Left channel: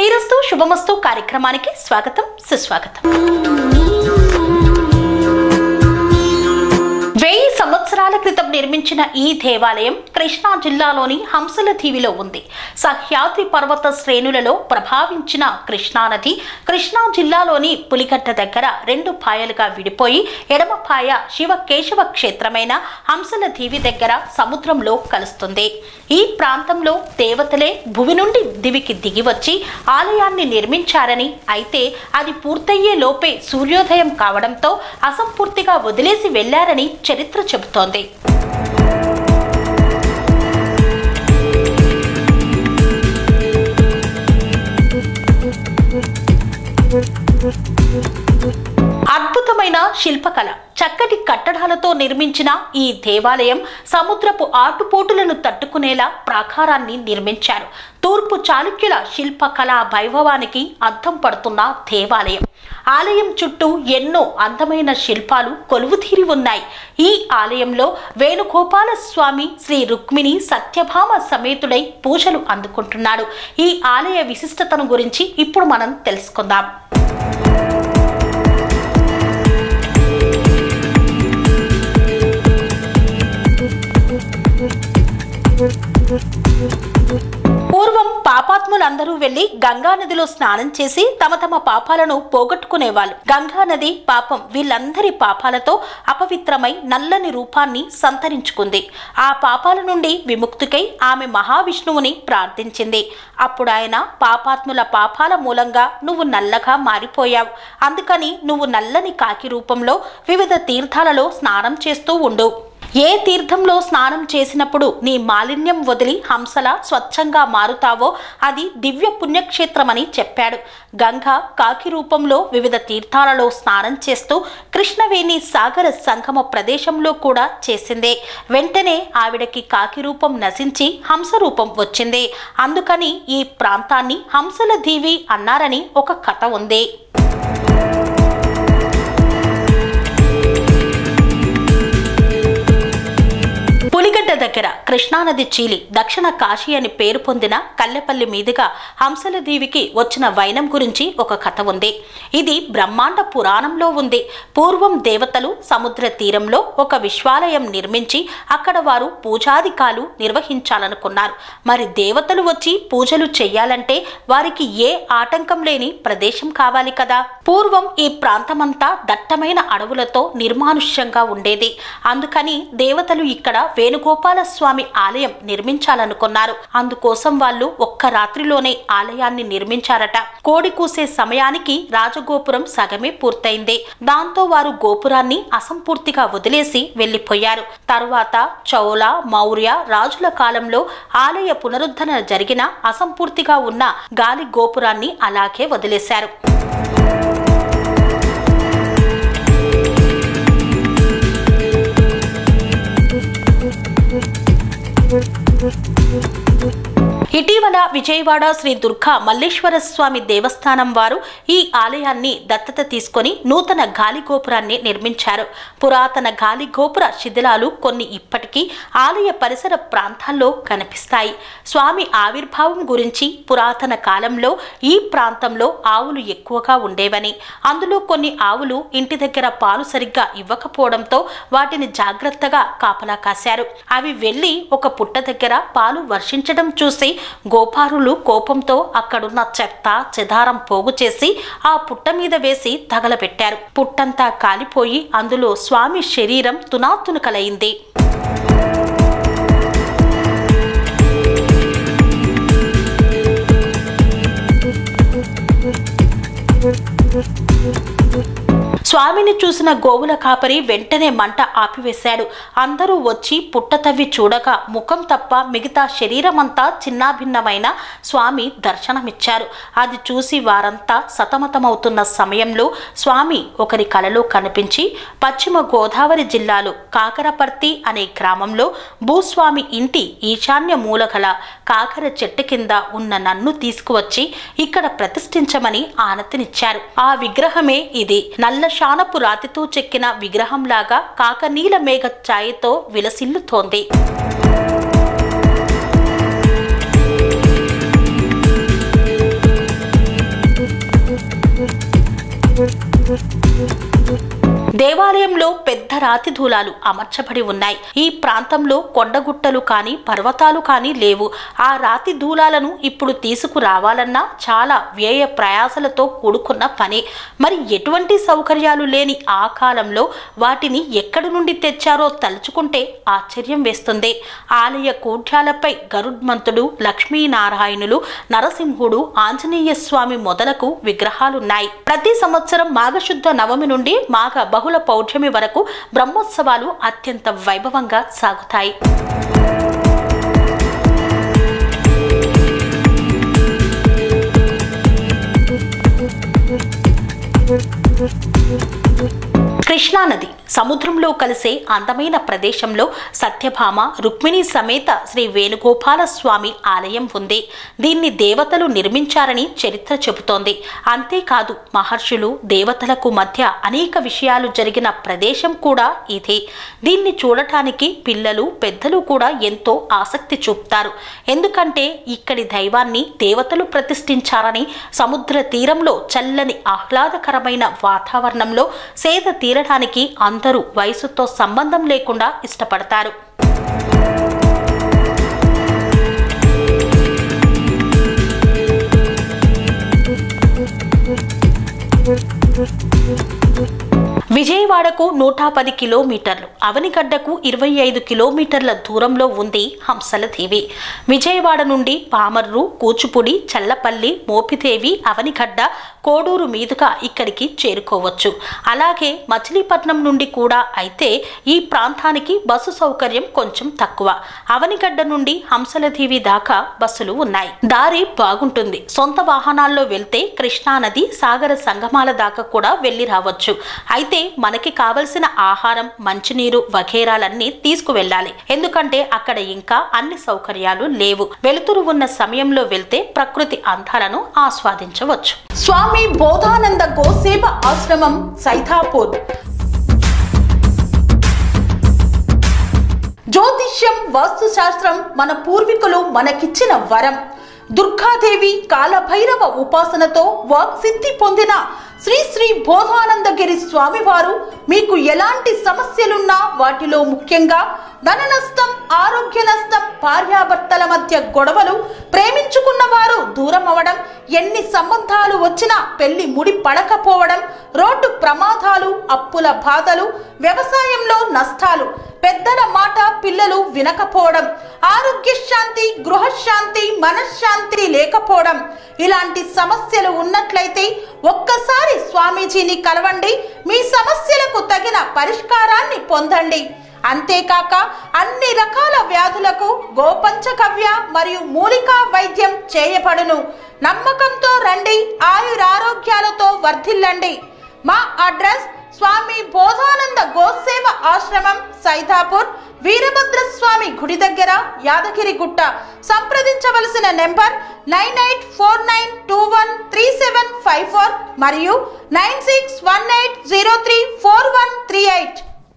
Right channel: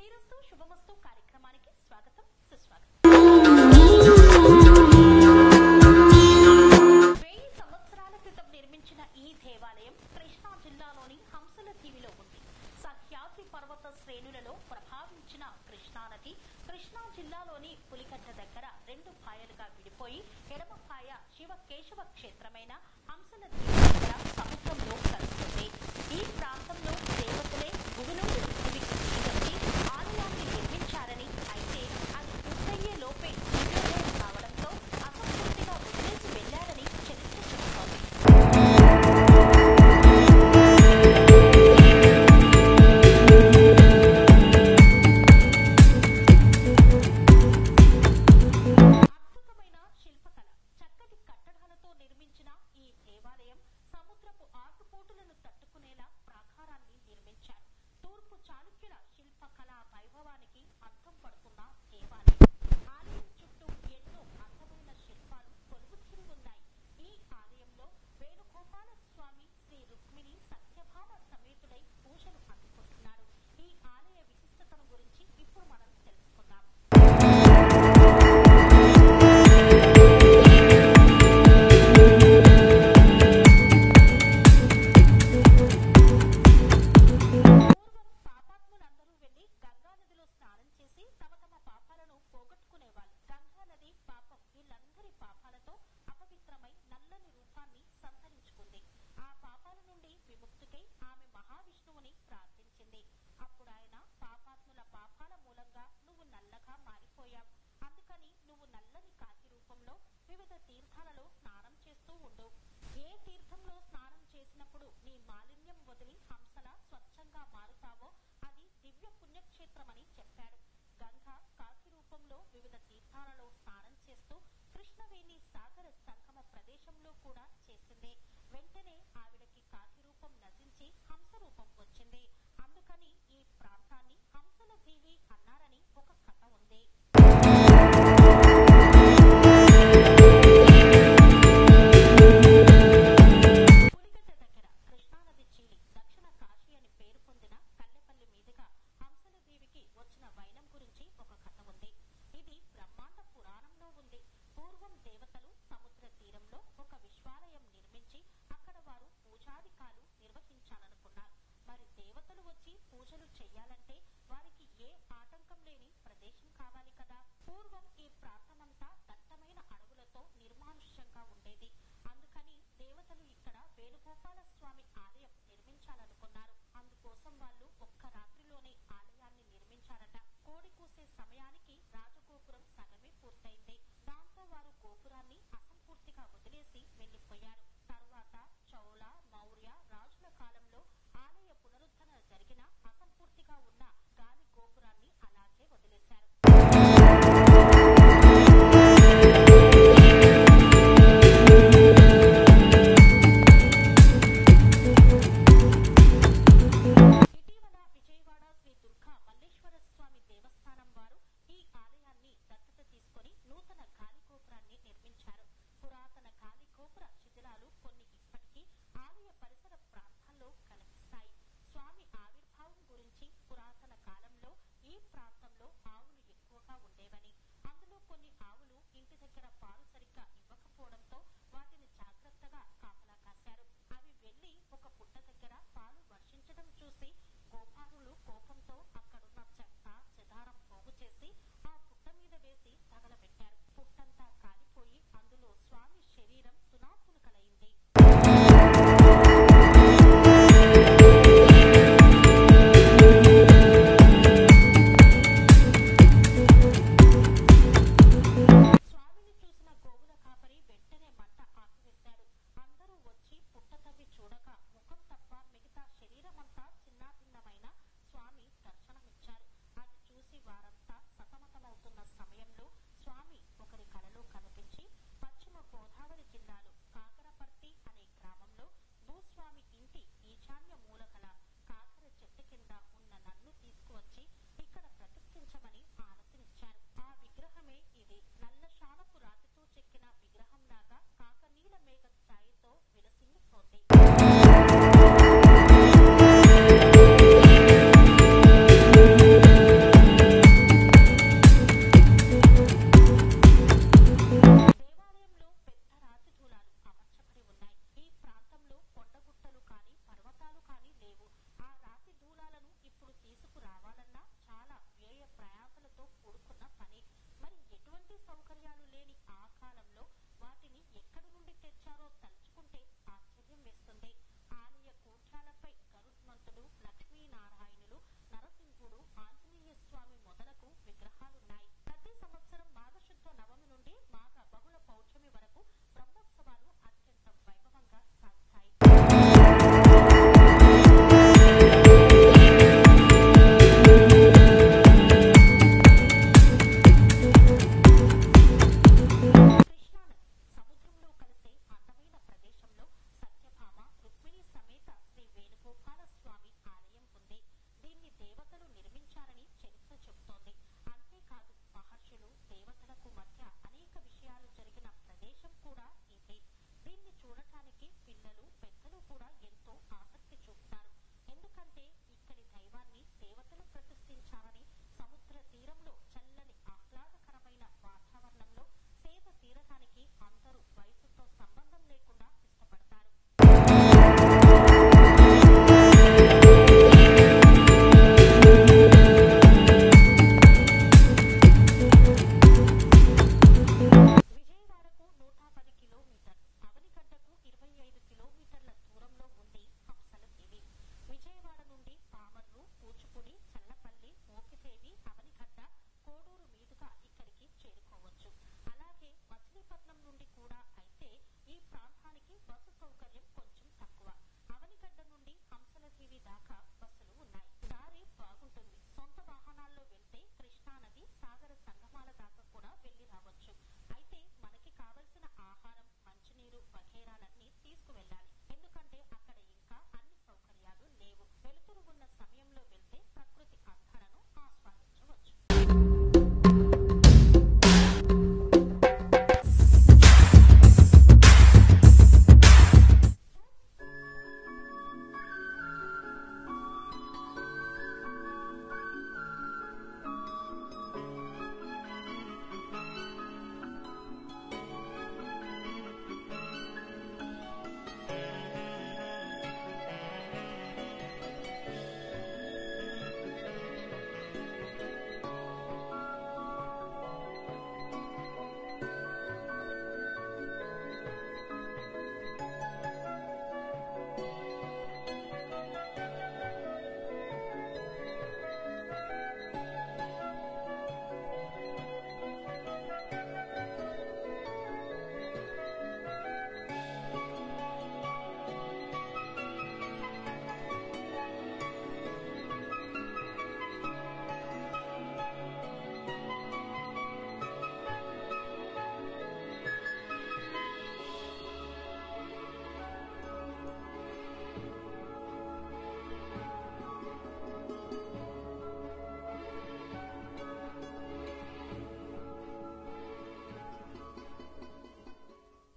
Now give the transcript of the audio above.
శ్రీరస్తు శుభమస్తు కార్యక్రమానికి స్వాగతం సుస్వాగతం. 1000 సంవత్సరాల క్రితం నిర్మించిన ఈ దేవాలయం కృష్ణా జిల్లాలోని హంసలదీవిలో ఉంది. సహ్యాద్రి పర్వత శ్రేణులలో ప్రభావించిన కృష్ణానది కృష్ణా జిల్లాలోని పులిగడ్డ దగ్గర 2 పాయలుగా విడిపోయి ఎడమ పాయ శివ కేశవ క్షేత్రమైన హంసలదీవి దగ్గర సముద్రంలో కలుస్తుంది. ఈ ప్రాంతంలో దేవతలే భూమి నుండి దివికి దిగి వచ్చి ఆలయాన్ని నిర్మించారని, అయితే అది పూర్తయ్యే లోపే సూర్యోదయం కావడంతో అసంపూర్తిగా వదిలేసి వెళ్లారని చరిత్ర చెబుతోంది. అద్భుతమైన శిల్పకళ, చక్కటి కట్టడాలతో నిర్మించిన ఈ దేవాలయం సముద్రపు ఆటుపోటులను తట్టుకునేలా ప్రాకారాన్ని నిర్మించారు. తూర్పు చాళుక్యుల శిల్పకళా వైభవానికి అద్దం పడుతున్న దేవాలయం. ఆలయం చుట్టూ ఎన్నో అందమైన శిల్పాలు కొలువుతీరి ఉన్నాయి. ఈ ఆలయంలో వేణుగోపాల స్వామి శ్రీ రుక్మిణి సత్యభామ సమేతుడై పూజలు అందుకుంటున్నాడు. ఈ ఆలయ విశిష్టతను గురించి ఇప్పుడు మనం తెలుసుకుందాం. పూర్వం పాపాత్ములందరూ వెళ్లి గంగా నదిలో స్నానం చేసి తమ తమ పాపాలను పోగొట్టుకునేవాళ్ళు. గంగా నది పాపం వీళ్ళందరి పాపాలతో అపవిత్రమై నల్లని రూపాన్ని సంతరించుకుంది. ఆ పాపాల నుండి విముక్తికై ఆమె మహావిష్ణువుని ప్రార్థించింది. అప్పుడు ఆయన పాపాత్ముల పాపాల మూలంగా నువ్వు నల్లగా మారిపోయావు, అందుకని నువ్వు నల్లని కాకి రూపంలో వివిధ తీర్థాలలో స్నానం చేస్తూ ఉండు. ఏ తీర్థంలో స్నానం చేసినప్పుడు నీ మాలిన్యం వదిలి హంసలా స్వచ్ఛంగా మారుతావో అది దివ్య పుణ్యక్షేత్రమని చెప్పాడు. గంగ కాకి రూపంలో వివిధ తీర్థాలలో స్నానం చేస్తూ కృష్ణవేణి సాగర సంగమ ప్రదేశంలో కూడా చేసిందే. వెంటనే ఆవిడకి కాకి రూపం నశించి హంస రూపం వచ్చింది. అందుకని ఈ ప్రాంతాన్ని హంసలదీవి అన్నారని ఒక కథ ఉంది. దగ్గర కృష్ణానది చీలి దక్షిణ కాశీ అని పేరు పొందిన కల్లెపల్లి మీదుగా హంసలదీవికి వచ్చిన వైనం గురించి ఒక కథ ఉంది. ఇది బ్రహ్మాండ పురాణంలో ఉంది. పూర్వం దేవతలు సముద్ర తీరంలో ఒక విశ్వాలయం నిర్మించి అక్కడ వారు పూజాధికాలు నిర్వహించాలనుకున్నారు. మరి దేవతలు వచ్చి పూజలు చెయ్యాలంటే వారికి ఏ ఆటంకం లేని ప్రదేశం కావాలి కదా. పూర్వం ఈ ప్రాంతమంతా దట్టమైన అడవులతో నిర్మానుష్యంగా ఉండేది. అందుకని దేవతలు ఇక్కడ వేణుగోపాల స్వామి ఆలయం నిర్మించాలనుకున్నారు. అందుకోసం వాళ్ళు ఒక్క రాత్రిలోనే ఆలయాన్ని నిర్మించారట. కోడి కూసే సమయానికి రాజగోపురం సగమే పూర్తయింది. దాంతో వారు గోపురాన్ని అసంపూర్తిగా వదిలేసి వెళ్లిపోయారు. తరువాత చౌల మౌర్య రాజుల కాలంలో ఆలయ పునరుద్ధరణ జరిగిన అసంపూర్తిగా ఉన్న గాలి గోపురాన్ని అలాగే వదిలేశారు. ఇటీవల విజయవాడ శ్రీ దుర్గా మల్లేశ్వర స్వామి దేవస్థానం వారు ఈ ఆలయాన్ని దత్తత తీసుకొని నూతన గాలి గోపురాన్ని నిర్మించారు. పురాతన గాలి గోపుర శిథిలాలు కొన్ని ఇప్పటికీ ఆలయ పరిసర ప్రాంతాల్లో కనిపిస్తాయి. స్వామి ఆవిర్భావం గురించి పురాతన కాలంలో ఈ ప్రాంతంలో ఆవులు ఎక్కువగా ఉండేవని, అందులో కొన్ని ఆవులు ఇంటి దగ్గర పాలు సరిగ్గా ఇవ్వకపోవడంతో వాటిని జాగ్రత్తగా కాపలా కాశారు. అవి వెళ్లి ఒక పుట్ట దగ్గర పాలు వర్షించడం చూసి గోపారులు కోపంతో అక్కడున్న చెత్త చెదారం పోగు చేసి ఆ పుట్ట మీద వేసి తగలబెట్టారు. పుట్టంతా కాలిపోయి అందులో స్వామి శరీరం తునాతునకలైంది. స్వామిని చూసిన గోవుల కాపరి వెంటనే మంట ఆపివేశాడు. అందరూ వచ్చి పుట్ట తవ్వి చూడగా ముఖం తప్ప మిగతా శరీరమంతా చిన్నాభిన్నమైన స్వామి దర్శనమిచ్చారు. అది చూసి వారంతా సతమతమవుతున్న సమయంలో స్వామి ఒకరి కలలో కనిపించి పశ్చిమ గోదావరి జిల్లాలో కాకరపర్తి అనే గ్రామంలో భూస్వామి ఇంటి ఈశాన్య మూలగల కాకర చెట్టు కింద ఉన్న నన్ను తీసుకువచ్చి ఇక్కడ ప్రతిష్ఠించమని ఆనతినిచ్చారు. ఆ విగ్రహమే ఇది. నల్ల శానపు రాతితో చెక్కిన విగ్రహంలాగా కాకనీల మేఘ ఛాయతో విలసిల్లుతోంది. రాతి దూలాలు అమర్చబడి ఉన్నాయి. ఈ ప్రాంతంలో కొండగుట్టలు కానీ పర్వతాలు కానీ లేవు. ఆ రాతి దూలాలను ఇప్పుడు తీసుకురావాలన్నా చాలా వ్యయ ప్రయాసలతో కూడుకున్న పని. మరి ఎటువంటి సౌకర్యాలు లేని ఆ కాలంలో వాటిని ఎక్కడి నుండి తెచ్చారో తలుచుకుంటే ఆశ్చర్యం వేస్తుంది. ఆలయ కూఢ్యాలపై గరుడ్మంతుడు, లక్ష్మీనారాయణులు, నరసింహుడు, ఆంజనేయ స్వామి మొదలకు విగ్రహాలున్నాయి. ప్రతి సంవత్సరం మాఘశుద్ధ నవమి నుండి మాఘ బహుళ పౌర్ణమి వరకు బ్రహ్మోత్సవాలు అత్యంత వైభవంగా సాగుతాయి. కృష్ణానది సముద్రంలో కలిసే అందమైన ప్రదేశంలో సత్యభామ, రుక్మిణి సమేత శ్రీ వేణుగోపాల స్వామి ఆలయం ఉంది. దీన్ని దేవతలు నిర్మించారని చరిత్ర చెబుతోంది. అంతేకాదు మహర్షులు, దేవతలకు మధ్య అనేక విషయాలు జరిగిన ప్రదేశం కూడా ఇదే. దీన్ని చూడటానికి పిల్లలు, పెద్దలు కూడా ఎంతో ఆసక్తి చూపుతారు. ఎందుకంటే ఇక్కడి దైవాన్ని దేవతలు ప్రతిష్ఠించారని, సముద్ర తీరంలో చల్లని ఆహ్లాదకరమైన వాతావరణంలో సేద తీరడానికి అందరూ వయసుతో సంబంధం లేకుండా ఇష్టపడతారు. విజయవాడకు 110 కిలోమీటర్లు, అవనిగడ్డకు 25 కిలోమీటర్ల దూరంలో ఉంది హంసలదేవి. విజయవాడ నుండి పామర్రు, కూచిపూడి, చల్లపల్లి, మోపిదేవి, అవనిగడ్డ, కోడూరు మీదుగా ఇక్కడికి చేరుకోవచ్చు. అలాగే మచిలీపట్నం నుండి కూడా అయితే ఈ ప్రాంతానికి బస్సు సౌకర్యం కొంచెం తక్కువ. అవనిగడ్డ నుండి హంసలదేవి దాకా బస్సులు ఉన్నాయి. దారి బాగుంటుంది. సొంత వాహనాల్లో వెళ్తే కృష్ణానది, సాగర సంగమాల దాకా కూడా వెళ్ళి రావచ్చు. అయితే మనకి కావలసిన ఆహారం, మంచినీరు వగేరాలన్నీ తీసుకువెళ్ళాలి. ఎందుకంటే అక్కడ ఇంకా అన్ని సౌకర్యాలు లేవు. వెలుతురు ఉన్న సమయంలో వెళ్తే ప్రకృతి అందాలను ఆస్వాదించవచ్చు. స్వామి బోధానంద గోసేవ ఆశ్రమం, సైథాపూర్. జ్యోతిష్యం, వాస్తుశాస్త్రం మన పూర్వీకులు మనకిచ్చిన వరం. దుర్గాదేవి, కాలభైరవ ఉపాసనతో వాక్సిద్ధి పొందిన శ్రీ శ్రీ బోధానందగిరి స్వామివారు మీకు ఎలాంటి సమస్యలున్నా, వాటిలో ముఖ్యంగా ధన నష్టం, ఆరోగ్య నష్టం, భార్యాభర్తల మధ్య గొడవలు, ప్రేమించుకున్న వారు దూరం అవడం, ఎన్ని సంబంధాలు వచ్చినా పెళ్లి ముడి పడకపోవడం, రోడ్డు ప్రమాదాలు, అప్పుల బాధలు, వ్యవసాయంలో నష్టాలు, పెద్దల మాట పిల్లలు వినకపోవడం, ఆరోగ్య శాంతి, గృహశాంతి, మనశ్శాంతి లేకపోవడం, ఇలాంటి సమస్యలు ఉన్నట్లయితే ఒక్కసారి స్వామీజీని కలవండి. మీ సమస్యలకు తగిన పరిష్కారాన్ని పొందండి. అంతేకాక అన్ని రకాల వ్యాధులకు గోపంచకవ్య మరియు మూలికా వైద్యం చేయబడును. నమ్మకంతో రండి, ఆయురారోగ్యాలతో వర్ధిల్లండి. మా అడ్రస్ స్వామి బోధానంద గోసేవ ఆశ్రమం, సైథాపూర్, వీరభద్రస్వామి గుడి దగ్గర, యాదగిరిగుట్ట. సంప్రదించవలసిన నెంబర్ 9849213754 మరియు 9618034138.